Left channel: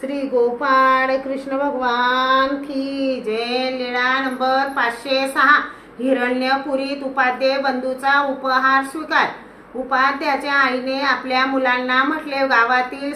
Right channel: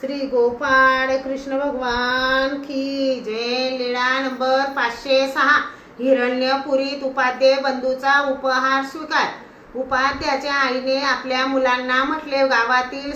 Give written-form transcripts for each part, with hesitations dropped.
श्री गोपाळ कृष्ण भगवान की जय। लीळा नंबर 506। हिरण्यपुरीत उपाध्ये बंधूचा उपहार स्वीकार। उपाध्याच्या आईने आपल्या मुलांना म्हटले, गावातील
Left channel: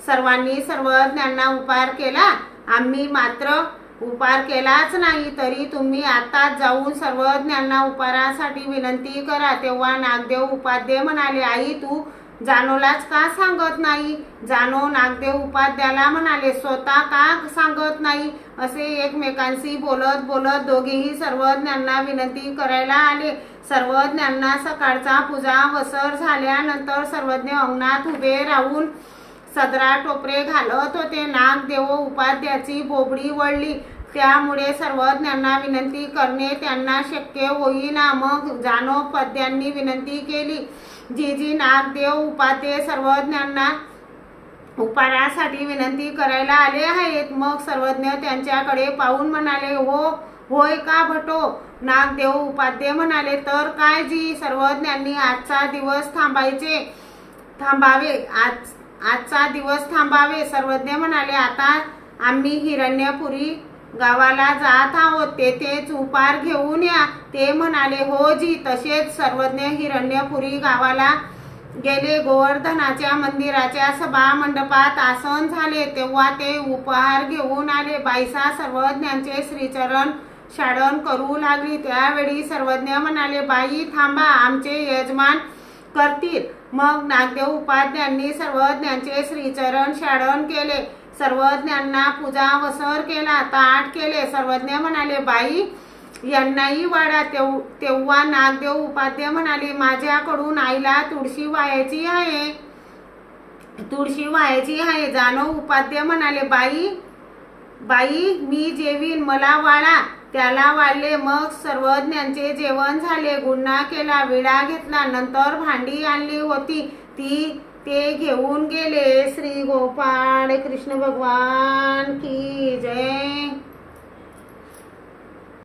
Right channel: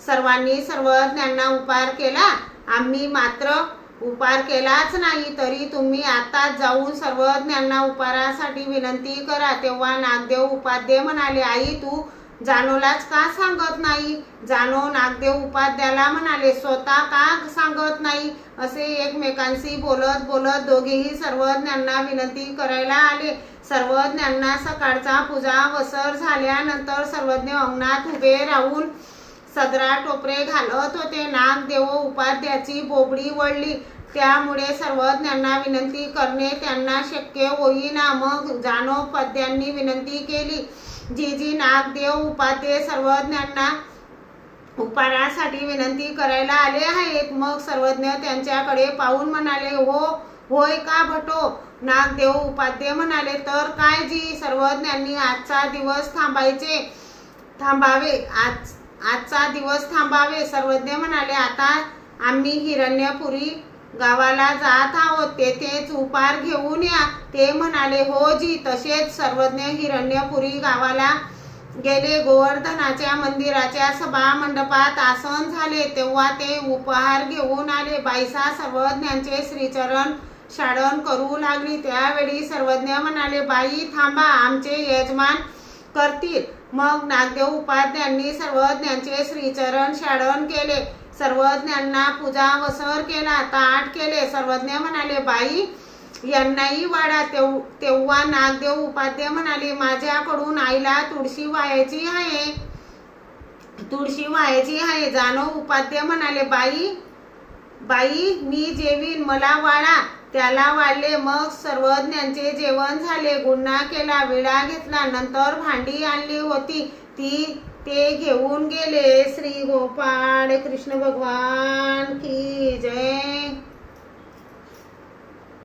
सर्वांनी सर्वज्ञांना उपहार केला, आम्ही मात्र उपहार केलाच नाही, तरी तुम्ही आताच जाऊन सर्वज्ञांना उपहारासाठी विनंती करा। तेव्हा नागदेव उपाध्ये म्हणाले, आई तू जानोलाच का सांगत नाही? जानो नागदेव उपाध्याला म्हणाले, स्वतः का सांगत नाही? असे एकमेकांशी बोलत बोलत दोघेही सर्वज्ञांना विनंती करायला आले। सर्वज्ञांना सकाळचा पूजा वसर झाल्यानंतर सर्वज्ञ अंगणात उभे राहून सदरा टोपरे घालत होते। नागदेव उपाध्याची बोबडी वळली, त्यामुळे सर्वज्ञांना विनंती करणे त्यांना शक्य होईना। मग जानोपाध्यांनी विनंती केली, जी नागदेव उपाध्ये सर्वज्ञांना उपहारासाठी विनंती करायला आले आहेत। मग सर्वज्ञ त्यांच्याकडे पाहून म्हणाले, होय का भटो? नागदेव उपाध्ये म्हणाले, तर काय जी? सर्वज्ञांनी आजचा दिवस थांबावे। सर्वज्ञ म्हणाले, आता आम्ही हिरण्यपुरी गावाला जात आहोत, तेथेच उपहार घेऊन या। ते म्हणाले, हो जी। तसेच सर्वज्ञ हिरण्यपुरी गावाला गेले। गोवर्धनाच्या मंदिराच्या सभा मंडपात आसन झाले, तेव्हा ते उपहार घेऊन आले। बाईसा सर्वज्ञांचे श्रीचरण शाडन करू लागली। त्यावेळी सर्वज्ञ म्हणाले, बाई थांबा, आमचे यजमान करतील। मग नागदेव उपाध्यांनी सर्वज्ञांचे श्रीचरण शाडन केले, सर्वज्ञांना पूजा वसर केला, ताट केले। सर्वज्ञ म्हणाले, बाई यांनाही वाढा। तेव्हा नागदेव उपाध्ये म्हणाले, माझ्याकडून आईला तुळशी व्हायची आहे। जानो उपाध्ये म्हणाले, बाई मी जेवीन, मला वाढा। त्याला वाढले। मग सर्वज्ञांचे जेवण झाले, गुन्हा केला, विडा घेतला, नंतर भांडी आणली होती ते घेऊन गेले। श्री गोपाळ कृष्ण भगवान की जय।